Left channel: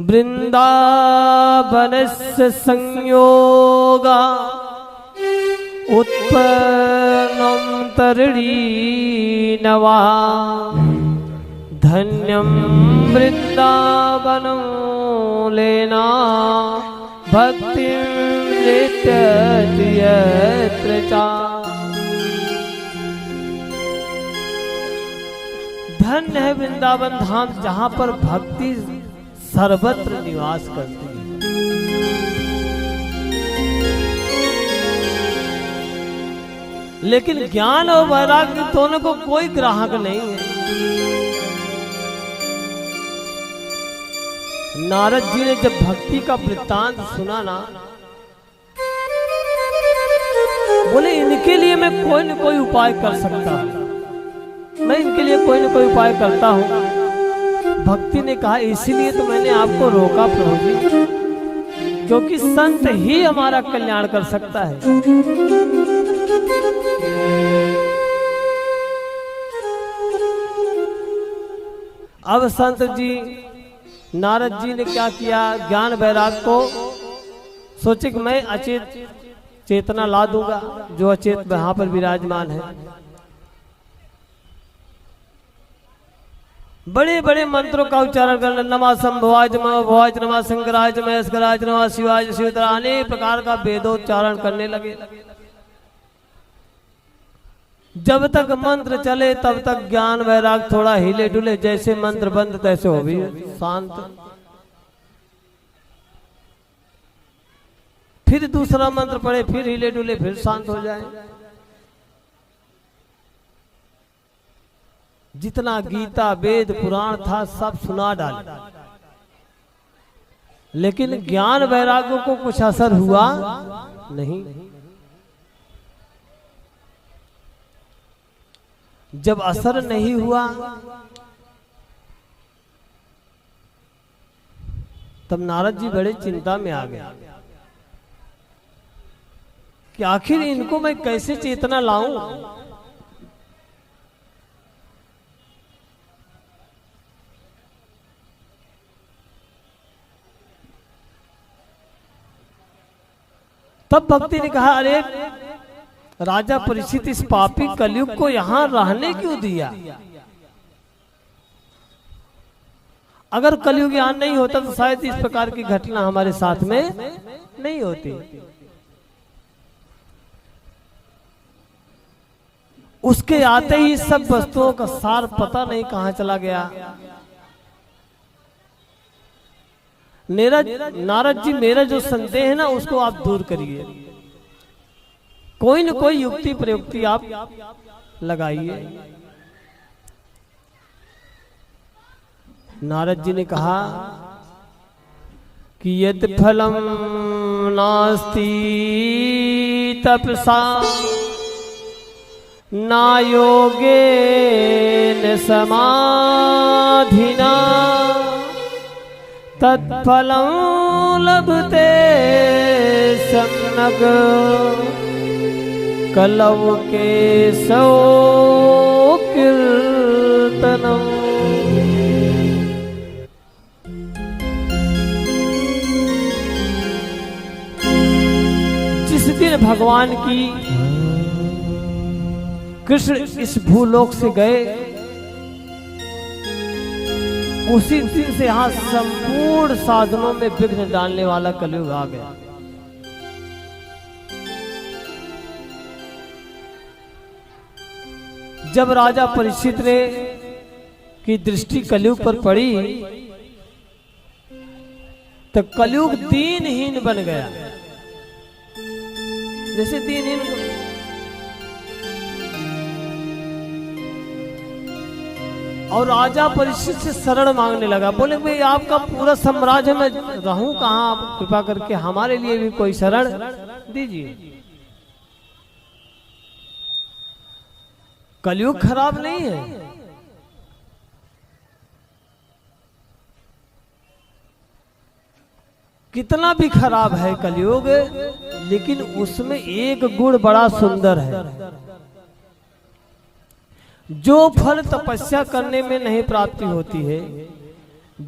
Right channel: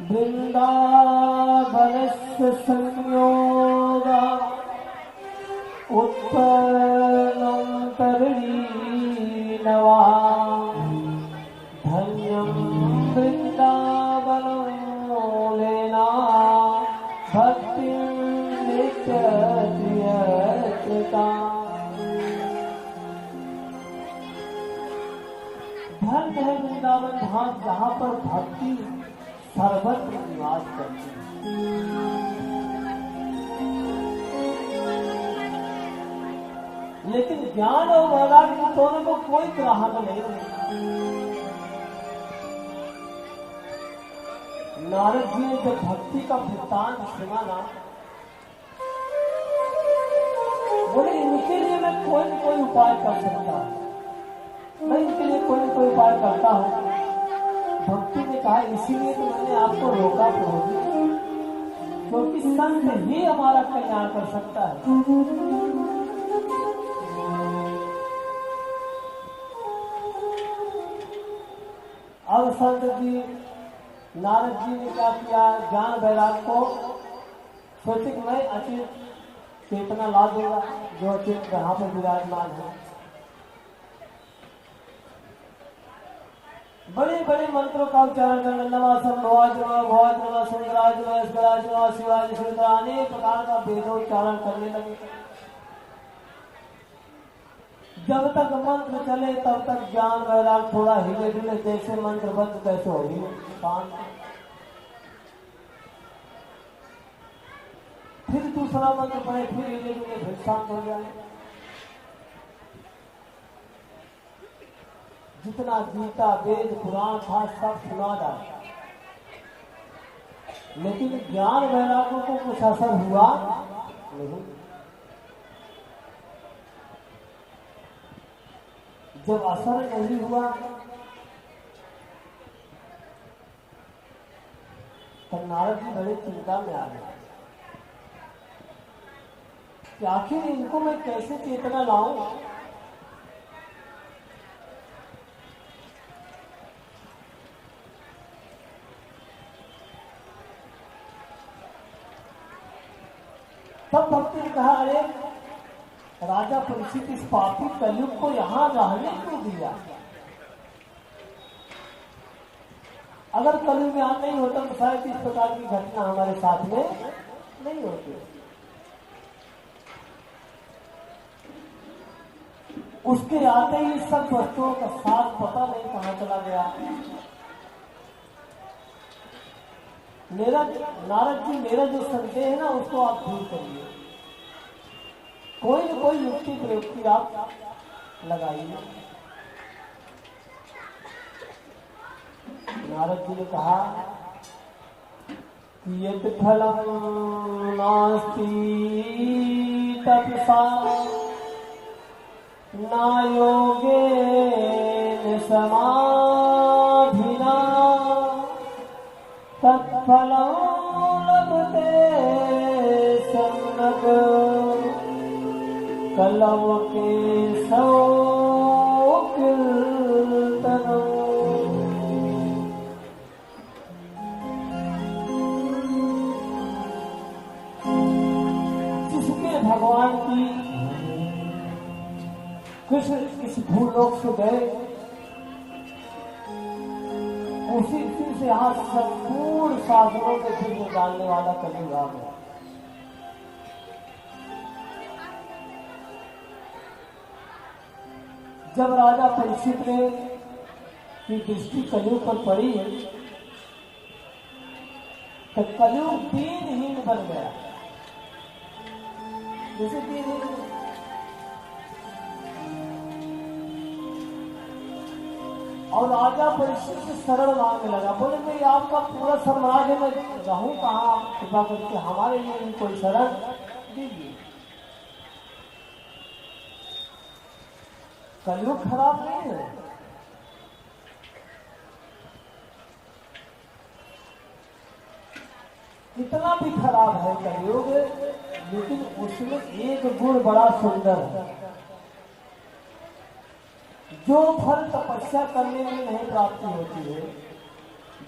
वृंदावनस्य संयोगा उत्पन्नं तरणीनवा धन्यं वृंदावनं लेना भक्तिं नित्यत्र चा। धन्य है वृंदावन धाम जहाँ पर भक्ति सर्वत्र निवास करती है। लेकिन ज्ञान और वैराग्य दोनों को कोई ग्राहक नहीं है। नारद जी ने जब भक्ति का वृत्तांत सुना ना, बोले इनके लिए मैं कोई न कोई उपाय कर सकता हूं, मैं इनके लिए कोई न कोई उपाय करता हूं। भक्ति ने कहा इसीलिए तो मैंने आपको रोका प्रभु जी, क्योंकि संत ही हमारा कल्याण कर सकता है। अब संत जी नारद जी ने क्या किया, ज्ञान वैराग को सोचे कि मैं अचेत चेतना ला दूंगा जो अचेत वहां पर विराजमान है। बड़े बड़े मंत्रों का उच्चारण करना, नमः शंभुवाय नमः भवाय नमः शंकराय महेश्वराय नमः शिवाय शिवतर, अनेक प्रकार का वेदोच्चारण करने लगे। जब तक मंत्र चले तब तक ज्ञान वैराग थोड़ा हिले डुले, जैसे मंत्र बंद तैसे हो भी शांत। फिर दूसरा मंत्र पढ़े, फिर हिले डुले, फिर शांत हो जाए। जितना गीता वेद पुराण था सब सुना डाले, लेकिन ज्ञान वैराग्यों को कुछ असर हुआ नहीं। जब असर नहीं हुआ तब नारद जी बड़े चिंता में आ गए कि आखिर इनको मैं कैसे चेतना लाऊं। तब भक्ति ने कहा अरे राजा परीक्षित, इस पापी कलयुग को यहां रहने क्यों दिया? अगर कलयुग यहां नहीं होता तो शायद इस प्रकार की घटना हमारे साथ में नहीं होती। उसके आते ही सब वस्तुओं का सार पता नहीं कहां चला गया। नारद जी मेरा जो संदेह है ना उसको आप दूर करिए, कोई न कोई युक्ति प्रयुक्ति आप लगाइए। नारद जी ने कहा कि यद फलम नास्ति तपसा ना योगेन समाधिना तत्फलं लभते सम्यक् कलव के सौ कीर्तनम। जिस दिन भगवान की कृष्ण इस भूलोक से गए उसी दिन से यहाँ संपूर्ण साधनों में विघ्न डालने वाला कलयुग आ गया। जब राजा परीक्षित ने की दृष्टि कलयुग पर पड़ी तो कलयुग दीनहीन बन गया। जैसे दीनहीन और राजा परीक्षित से शरण मांगने लगा, बोले भाई आपका पूरा साम्राज्य में रहूं कहां, आप कृपा करके हमारे लिए भी कोई शरण दीजिए। कलयुग खराब नहीं है, कितना भी खराब है कलयुग, लेकिन उसमें एक गुण बड़ा सुंदर है, जो फल तपस्या करने में नहीं प्राप्ति होती है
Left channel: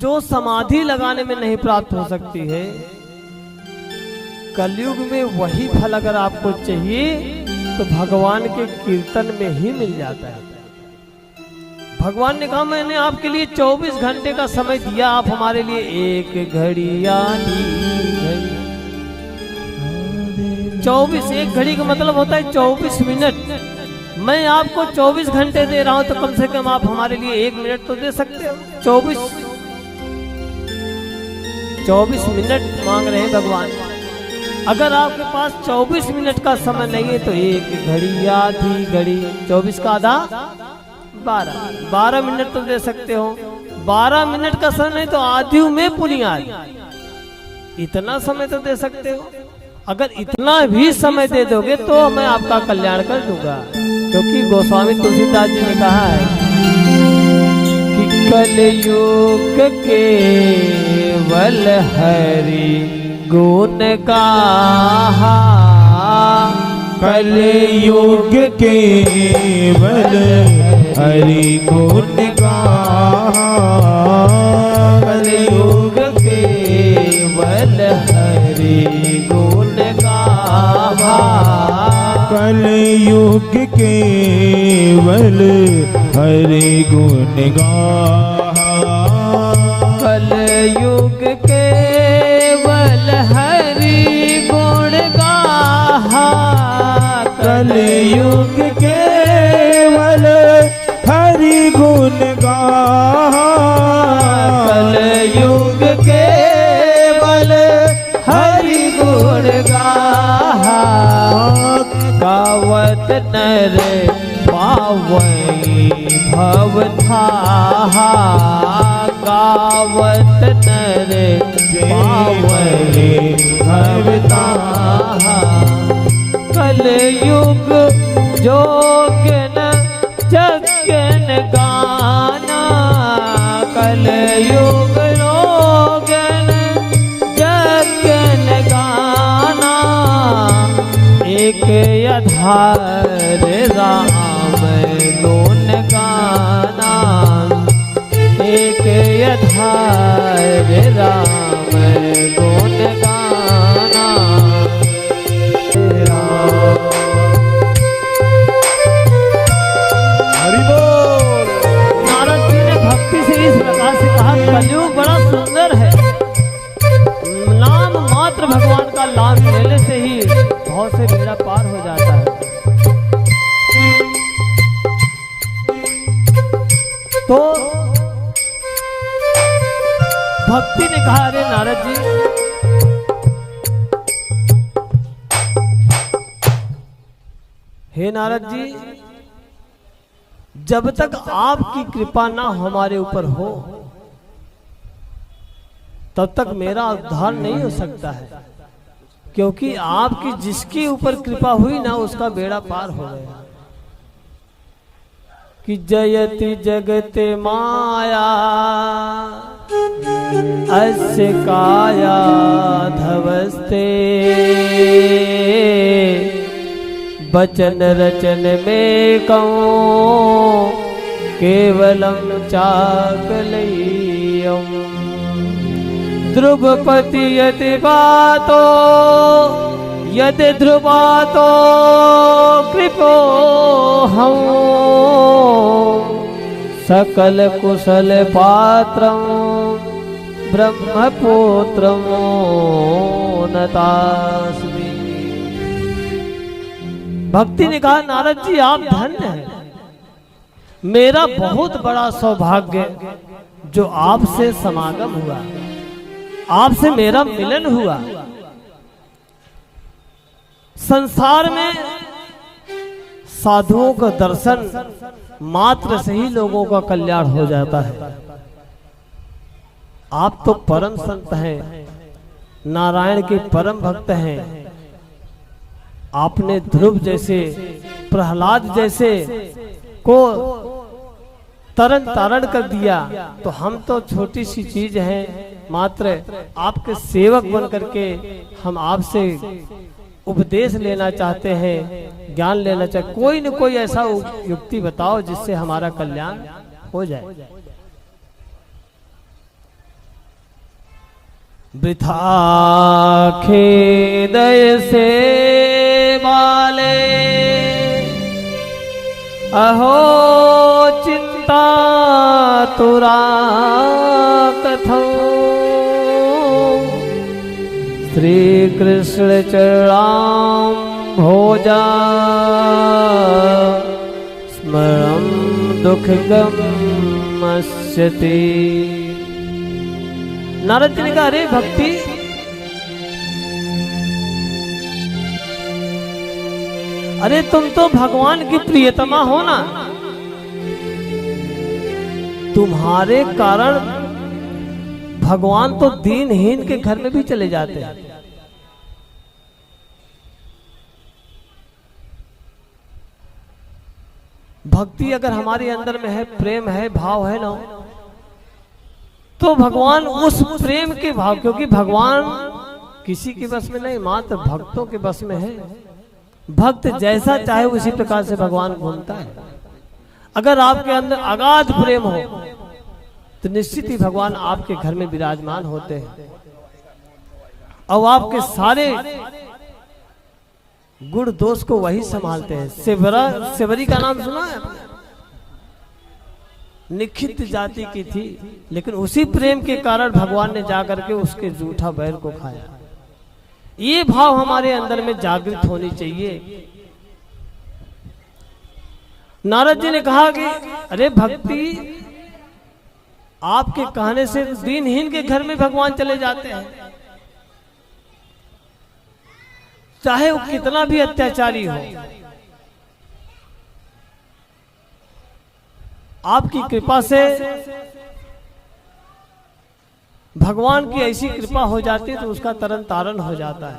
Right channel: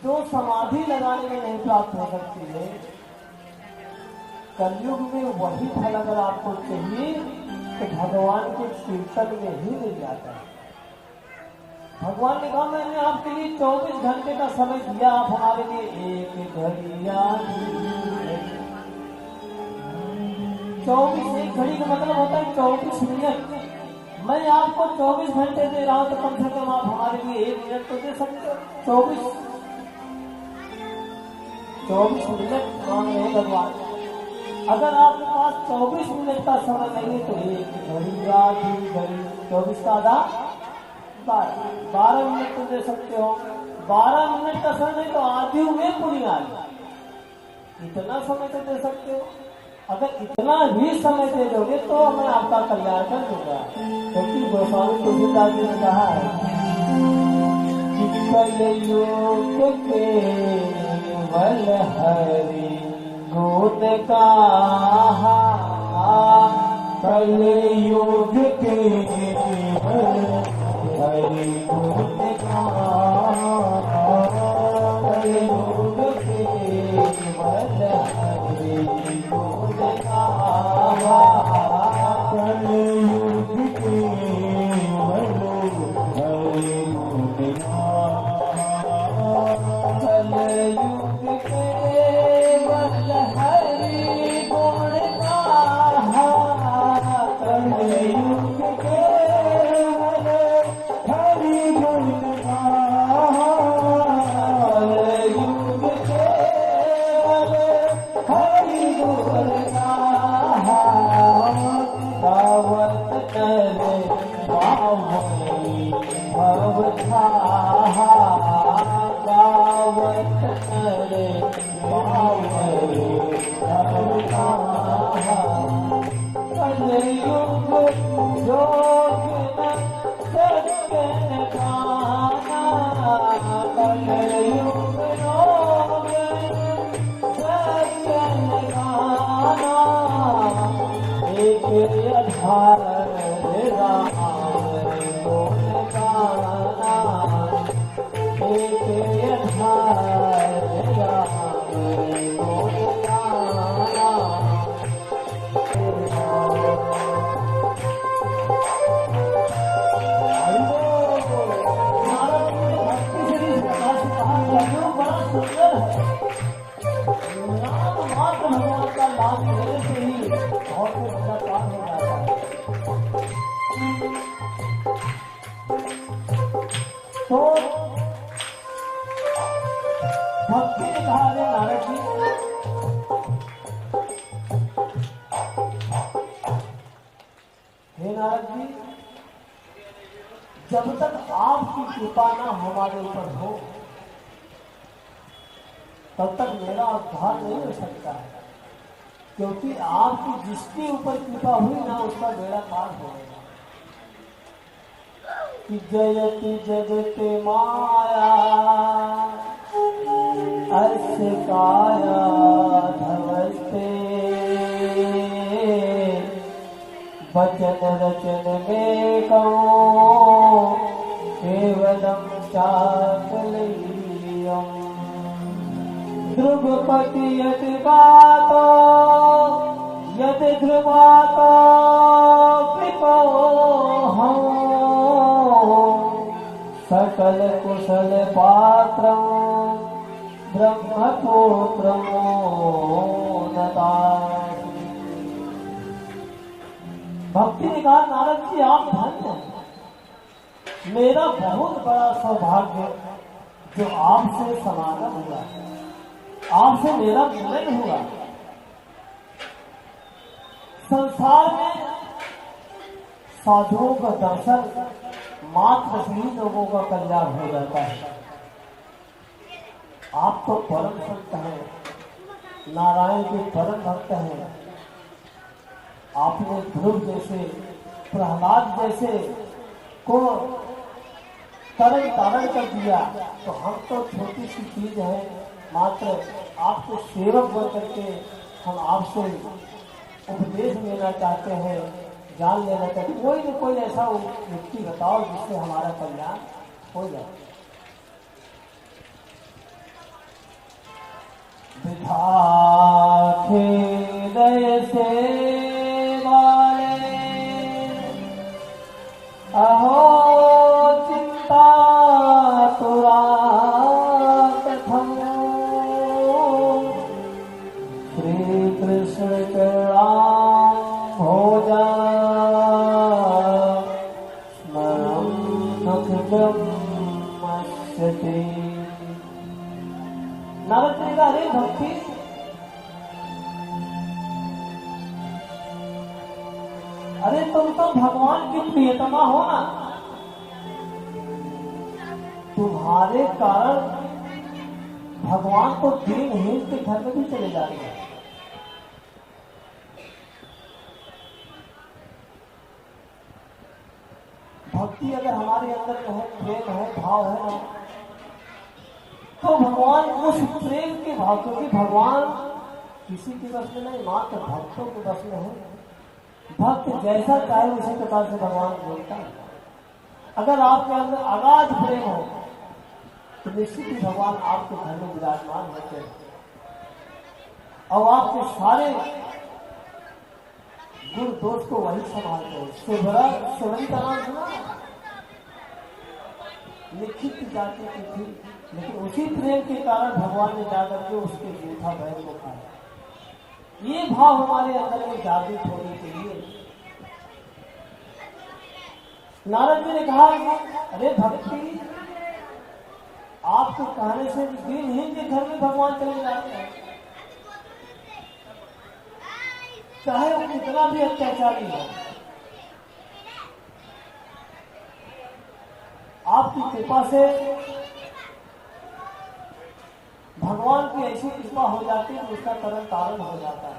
जो समाधि लगाने में नहीं प्राप्त हो सकती है, कलयुग में वही फल अगर आपको चाहिए तो भगवान के कीर्तन में ही मिल जाता है। भगवान ने कहा मैंने आपके लिए 24 घंटे का समय दिया, आप हमारे लिए एक घड़ी आधी घड़ी। 24, एक घड़ी का मतलब होता है 24 मिनट। मैं आपको 24 घंटे दे रहा हूं तो कम से कम आप हमारे लिए 1 मिनट तो दे सकते हो। 24 मिनट मांग रहे हैं भगवान। अगर आपके पास 24 मिनट का समय नहीं है तो एक घड़ी आधी घड़ी, 24 का आधा 12 मिनट तो दे सकते हो। 12 मिनट का समय नहीं तो आधी में पुनियाद, इतना समय तो दे सकते हो। अगर इतना भी समय दे दोगे तो मैं आपका कल्याण कर दूंगा, क्योंकि गोस्वामी तुलसीदास जी ने कहा है कि कलयुग केवल हरि गुण गाहा, कलयुग केवल हरि गुण गाहा, कलयुग केवल हरि गुण गाहा, कलयुग केवल हरि गुण गाहा, कलयुग केवल हरि गुण गाहा, कलयुग केवल हरि गुण गाहा, कलयुग केवल हरि गुण गाहा, गावत नर पावई भव थाहा, गावत नर पावई भव थाहा, कलयुग जोगन जगन गाना, कलयुग रोगन जगन गाना, एक आधार राम लोन गाना, एक आधार राम लोन गाना। हरि बोल। नारद जी ने भक्ति से इस प्रकार से कहा, कलयुग बड़ा सुंदर है, नाम मात्र भगवान का लाभ लेने से ही बहुत से बेड़ा पार हो जाता है। तो भक्ति ने कहा, अरे नारद जी, हे नारद जी, जब तक आपकी कृपा ना हमारे ऊपर हो तब तक मेरा उद्धार नहीं हो सकता है, क्योंकि आपकी जिसके ऊपर कृपा हुई ना उसका बेड़ा पार हो गया। कि जयति जगत माया अस्य काया धवस्ते, वचन रचन में कहूँ केवलम चाकलय्यम, ध्रुवपति यति बातो यदि ध्रुवातो कृपो हम, सकल कुशल पात्रम ब्रह्मपुत्रम नतास्मि। भक्ति ने कहा, नारद जी आप धन्य हैं, मेरा बहुत बड़ा सौभाग्य जो आपसे समागम हुआ, आपसे मेरा मिलन हुआ। संसार में साधुओं का दर्शन मात्र से ही लोगों का कल्याण हो जाता है। आप तो परम संत हैं, नारायण के परम भक्त हैं। आपने ध्रुव जैसे, प्रहलाद जैसे को तरन तारण कर दिया, तो हम तो छोटी सी चीज है, मात्र आपके सेवक बन करके हम आपसे उपदेश लेना चाहते हैं, ज्ञान लेना चाहते। कोई न कोई ऐसा युक्ति बताओ जिससे हमारा कल्याण हो जाए। वृथा खेदय से वाले अहो चित्ता तुरा कथो श्री कृष्ण चरणाम भोजा स्मरम दुख गम्यते। नारद जी ने कहा, अरे भक्ति, अरे तुम तो भगवान की प्रियतमा हो ना, तुम्हारे कारण भगवान तो दीनहीन के घर में भी चले जाते हैं। भक्ति अगर हमारे अंदर में है, प्रेम है, भाव है ना, तो भगवान उस प्रेम के भाव, क्योंकि भगवान किसी के बस में नहीं, मात्र भक्तों के बस में है। भक्त जैसा चाहे उसी प्रकार से भगवान बोलता है। अगर आपके अंदर अगाध प्रेम हो तो निश्चित ही भगवान आपके घर में विराजमान होते हैं और आपके सारे गुण दोष को वही संभालते हैं। सेवरी का नाम सुना है? निखित जाति की थी, लेकिन उसी प्रेम के कारण भगवान ने जाकर के उसके जूठा बैर को खाया। ये भाव हमारे अंदर में जागृत होनी चाहिए। नारद जी ने कहा कि अरे भक्ति, आपके कहने से दीनहीन के घर में भगवान चले जाते हैं, चाहे वो कितना भी अत्याचारी हो। आपकी कृपा से भगवान की ऐसी कृपा हो जाती है तो उसका तरन तारण हो जाता है।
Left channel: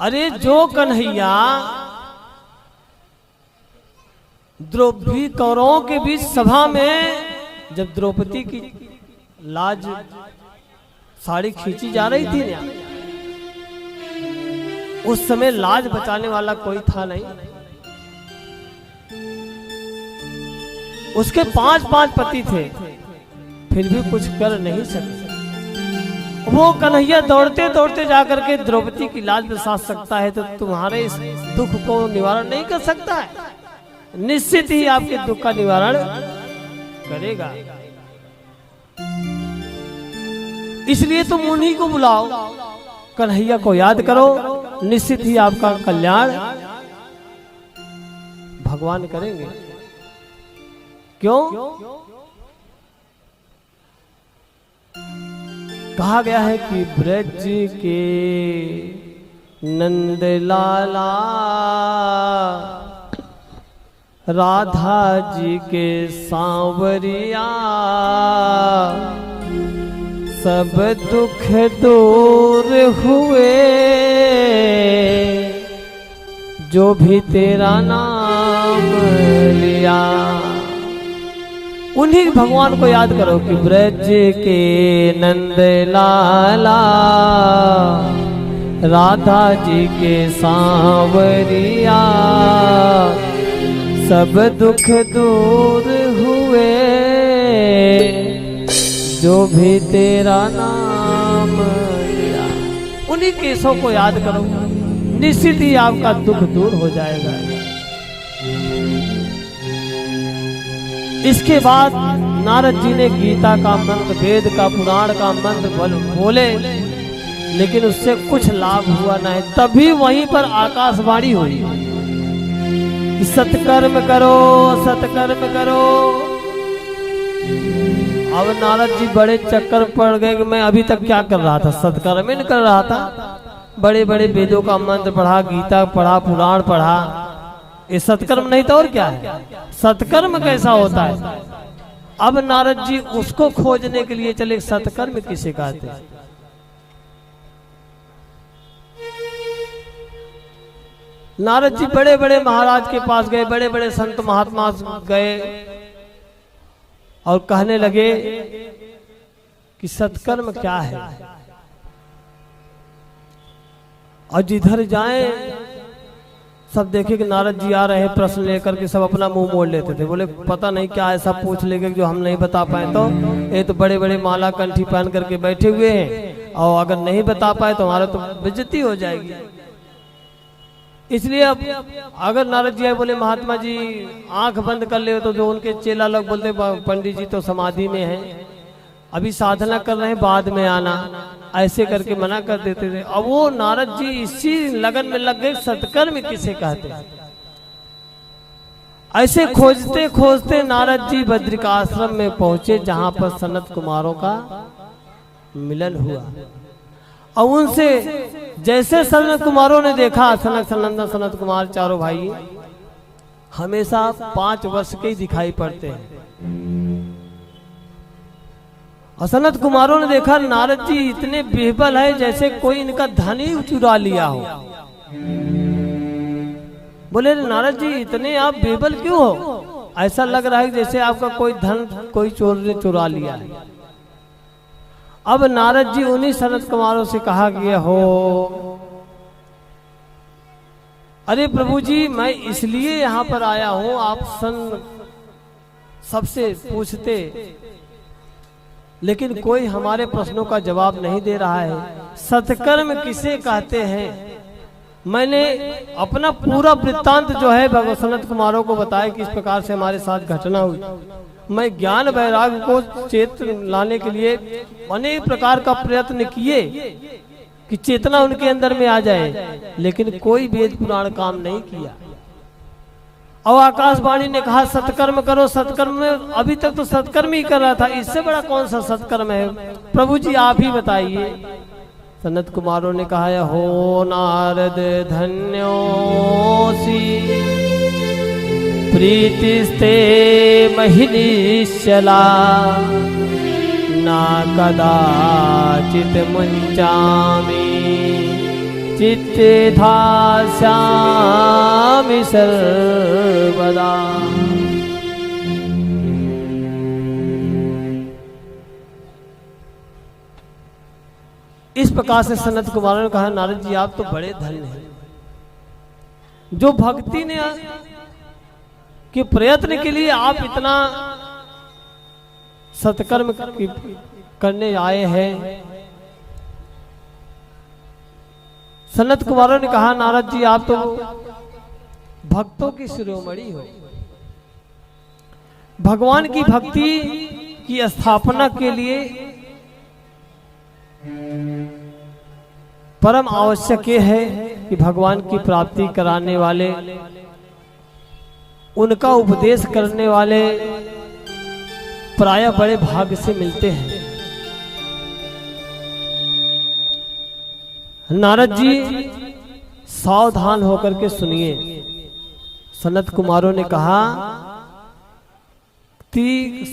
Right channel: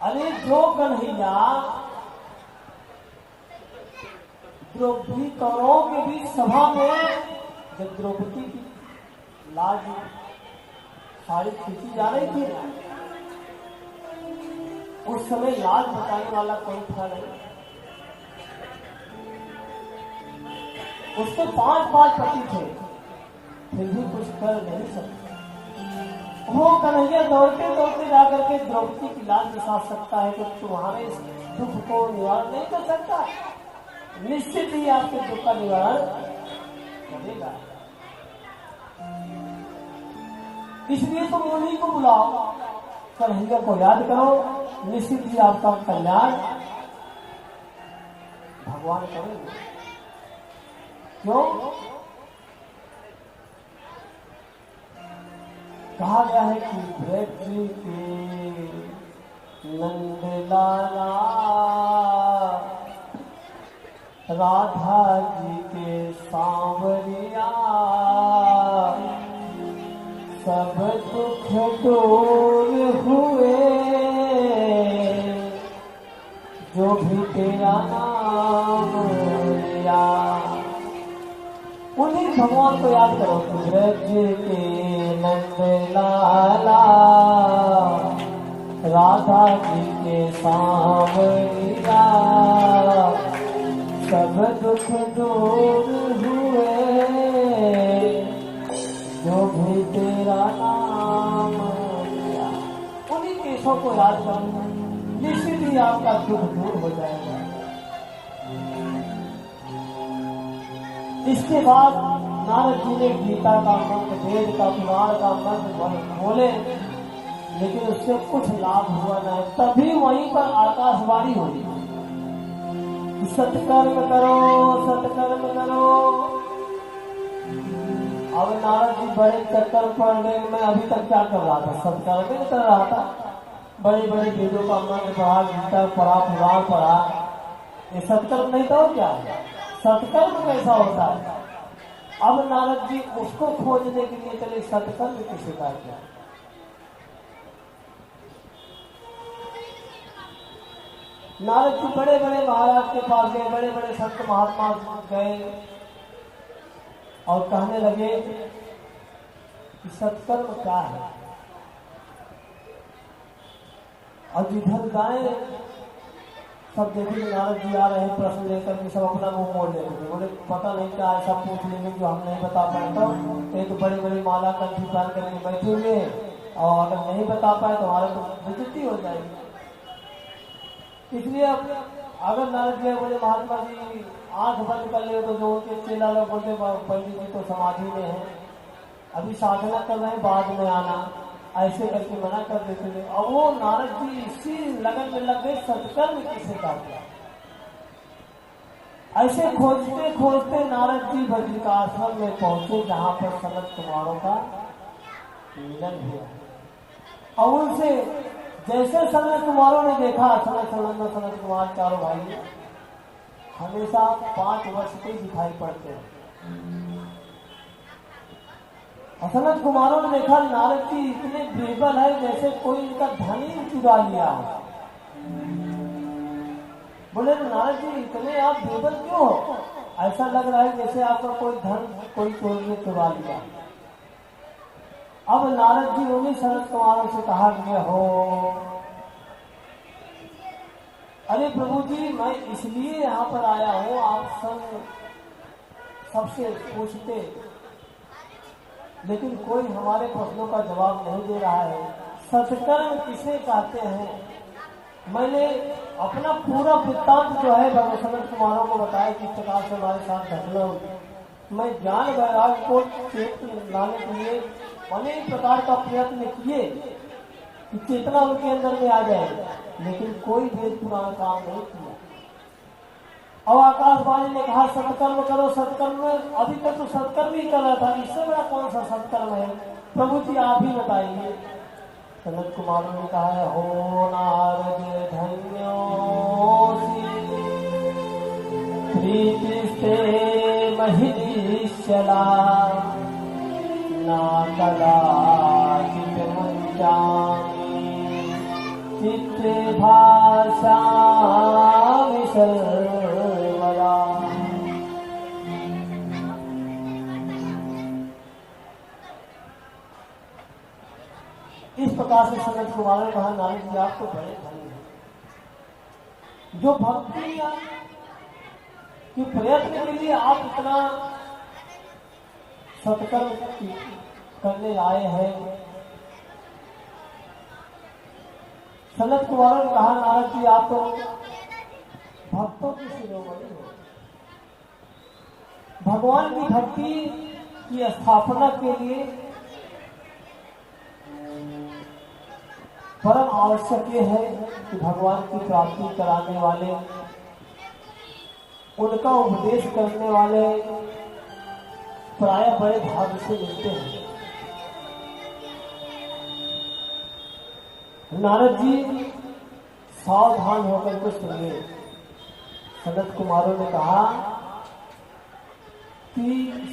अरे जो कन्हैया द्रौपदी कौरवों के बीच सभा में जब द्रौपदी की लाज साड़ी खींची जा रही थी ना, उस समय लाज बचाने वाला कोई था नहीं। उसके 5 पति थे, फिर भी कुछ कर नहीं सकते। वो कन्हैया दौड़ते दौड़ते जाकर के द्रौपदी की लाज बचा सकता है, तो तुम्हारे इस दुख को निवारण नहीं कर सकता है? निश्चित ही आपके दुख का निवारण करेगा। इसलिए तुम उन्हीं को बुलाओ, कन्हैया को याद करो, निश्चित ही आपका कल्याण भगवान करेंगे। क्यों? कहा गया है कि ब्रज के नंद लाला राधा जी के सांवरिया सब दुख दूर हुए, जो भी तेरा नाम लिया। उन्हीं भगवान को याद करो कि ब्रज के नंद लाला राधा जी के सांवरिया सब दुख दूर हुए, जो भी तेरा नाम लिया। उन्हीं केसों को याद करो, निश्चित ही आपका दुख दूर हो जाएगा। इसके बाद नारद जी ने गीता का मंत्र, वेद का, पुराण का मंत्र बोले, लेकिन उससे कुछ लाभ हुआ नहीं। तभी वहीं पर आकाशवाणी हुई कि सत्कर्म करो, सत्कर्म करो। अब नारद जी बड़े चक्कर पड़ गए कि मैं अभी तक क्या कर रहा था, सत्कर्म ही नहीं कर रहा था। बड़े बड़े वेदों का मंत्र पढ़ा, गीता पढ़ा, पुराण पढ़ा, ये सत्कर्म नहीं तो और क्या है? सत्कर्म कैसा होता है? अब नारद जी उसको खोजने के लिए चले, सत्कर्म किसे कहते हैं। नारद जी बड़े बड़े महाराज के पास गए, बड़े बड़े संत महात्मा गए और कहने लगे कि सत्कर्म क्या है, और जिधर जाएं सब देखे कि नारद जी आ रहे हैं प्रश्न लेकर के, सब अपना मुंह मोड़ लेते थे। बोले पता नहीं क्या ऐसा पूछ लेंगे जो हम नहीं बता पाए, तो ये तो बड़े बड़े माला कंठी पहन करके बैठे हुए हैं और अगर नहीं बता पाए तो हमारा तो बेइज्जती हो जाएगी। इसलिए अब अगर नारद जी बोले महात्मा जी आंख बंद कर ले, तो जो उनके चेला लोग बोलते पंडित जी तो समाधि में हैं, अभी साधना कर रहे हैं, बाद में आना, ऐसे करके मना कर देते थे। अब वो नारद जी इसी लगन में लग गए सत्कर्म किसे कहते हैं। ऐसे खोजते खोजते नारद जी बद्रिकाश्रम में पहुंचे जहां पर सनत कुमारों का मिलन हुआ। और उनसे जैसे सनत कुमारों ने देखा, सनत सनंदन सनत कुमार चारों भाई हमेशा 5 वर्ष के ही दिखाई पड़ते हैं। और सनत कुमारों ने देखा नारद जी इतने बेहबल है जैसे कोई इनका धन ही चुरा लिया हो। बोले नारद जी इतने आप बेहबल क्यों हो, ऐसा लग रहा है जैसे आपका कोई धन कोई चोर ने चुरा लिया है। अब नारद जी उन्हीं सनत कुमारों से कहा गया हो, अरे प्रभु जी मैं इसलिए यहाँ पर आया हूँ, आप सबसे पूछते लेकिन कोई हमारे प्रश्नों का जवाब नहीं दे रहा है। सत्कर्म किसे कहते हैं? मैंने अपना पूरा वृत्तांत जो है सनत कुमारों को बताया कि इस प्रकार से हमारे साथ घटना हुई। मैं ज्ञान वैराग्य को चेत लाने के लिए अनेक प्रकार का प्रयत्न किए कि चेतना उनके अंदर में आ जाए, लेकिन कोई वेद पुराण काम नहीं किया। और आकाशवाणी ने कहा सत्कर्म करो, सत्कर्म में अभी तक तो सत्कर्म ही कर रहा था, इससे बड़ा कौन सा सत्कर्म है? प्रभु जी आप ही बताइए। सनत कुमारों ने कहा हो नारद धन्योसी प्रीतिस्ते महिनीश्चला ना कदाचित मुंचामि चित्ते धास्यामि सर्वदा। इस प्रकार से सनत कुमार ने कहा नारद जी आप तो बड़े धन्य हैं, जो भक्ति ने के प्रयत्न के लिए आप इतना सत्कर्म करने आए हैं। सनत कुमारों ने कहा नारद जी आप तो भक्तों की शिरोमणि हो, भगवान की भक्ति की स्थापना के लिए परम आवश्यक ये है कि भगवान की प्राप्ति कराने वाले, उनका उपदेश करने वाले प्रायः बड़े भाग्य से मिलते हैं। नारद जी सावधान होकर के सुनिए। सनत कुमारों ने कहा कि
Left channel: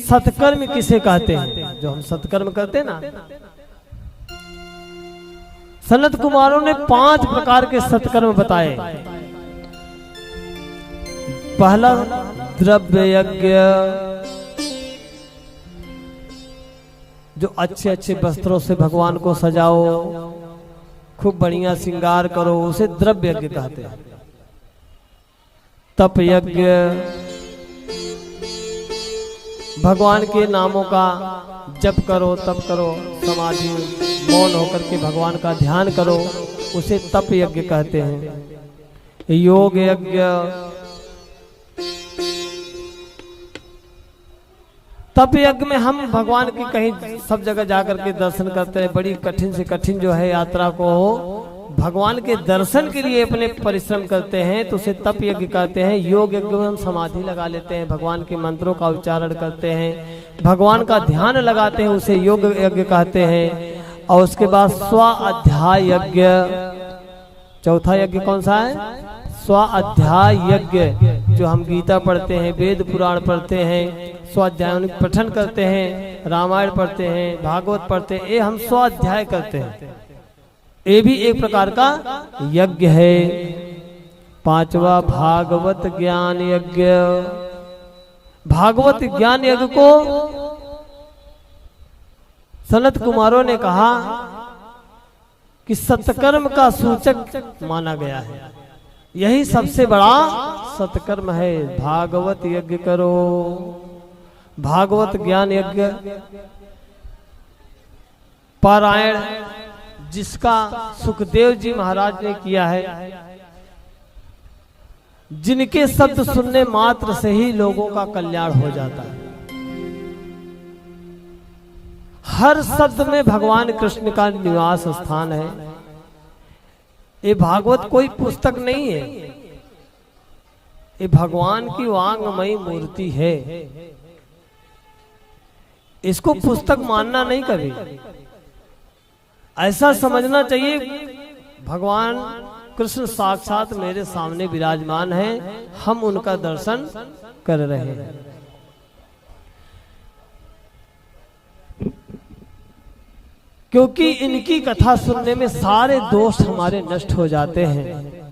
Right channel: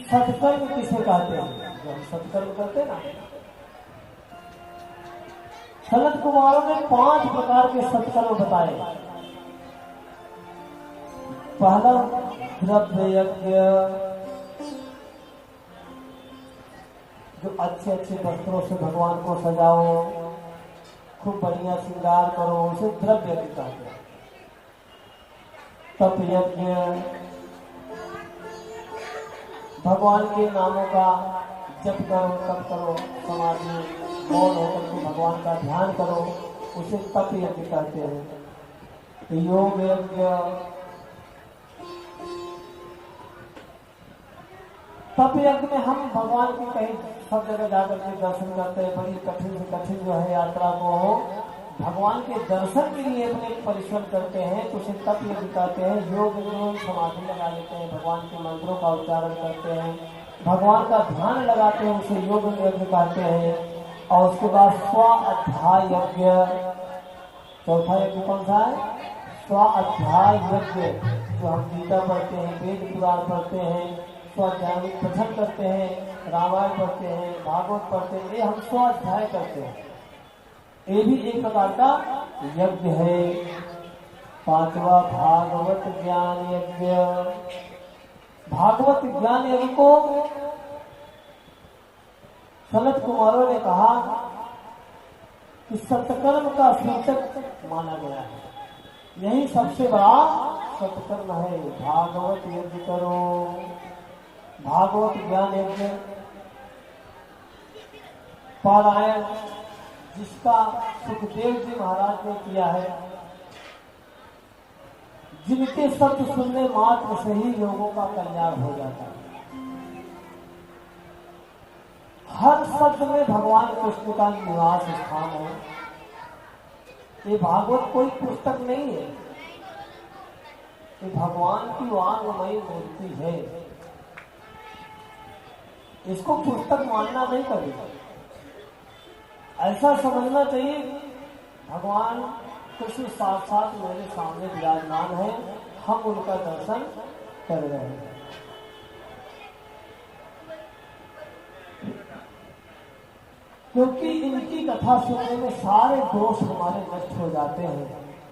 सत्कर्म किसे कहते हैं? जो हम सत्कर्म करते हैं ना, सनत कुमारों ने 5 प्रकार के सत्कर्म बताए। पहला द्रव्य यज्ञ, जो अच्छे अच्छे वस्त्रों से भगवान को सजाओ, खूब बढ़िया श्रृंगार करो, उसे द्रव्य यज्ञ कहते हैं। तप यज्ञ, भगवान के नामों का जप करो, तप करो, समाधि मौन होकर के भगवान का ध्यान करो, उसे तप यज्ञ कहते हैं। योग यज्ञ, तप यज्ञ में हम भगवान की कहीं सब जगह जाकर के दर्शन करते हैं, बड़ी कठिन से कठिन जो है यात्रा को भगवान के दर्शन के लिए अपने परिश्रम करते हैं, तो उसे तप यज्ञ कहते हैं। योग यज्ञ में हम समाधि लगा लेते हैं, भगवान के मंत्रों का उच्चारण करते हैं, भगवान का ध्यान लगाते हैं, उसे योग यज्ञ कहते हैं। और उसके बाद स्वाध्याय यज्ञ, चौथा यज्ञ कौन सा है? स्वाध्याय यज्ञ, जो हम गीता पढ़ते हैं, वेद पुराण पढ़ते हैं, स्वाध्याय पठन करते हैं, रामायण पढ़ते हैं, भागवत पढ़ते हैं, ये हम स्वाध्याय करते हैं, ये भी एक प्रकार का यज्ञ है। 5वां भागवत ज्ञान यज्ञ। भागवत ज्ञान यज्ञ को सनत कुमारों ने कहा कि सत्कर्म का सूचक माना गया है। यही सबसे बड़ा सत्कर्म है। भागवत यज्ञ करो, भागवत ज्ञान यज्ञ पारायण जिसका सुखदेव जी महाराज ने किया है, जिनके शब्द सुनने मात्र से ही लोगों का कल्याण हो जाता है। हर शब्द में भगवान कृष्ण का निवास स्थान है। ये भागवत कोई पुस्तक नहीं है, ये भगवान की वांगमयी मूर्ति है। इसको पुस्तक मानना नहीं कभी, ऐसा समझना चाहिए भगवान कृष्ण साक्षात मेरे सामने विराजमान है, हम उनका दर्शन कर रहे हैं। क्योंकि इनकी कथा सुनने में सारे दोष हमारे नष्ट हो जाते हैं।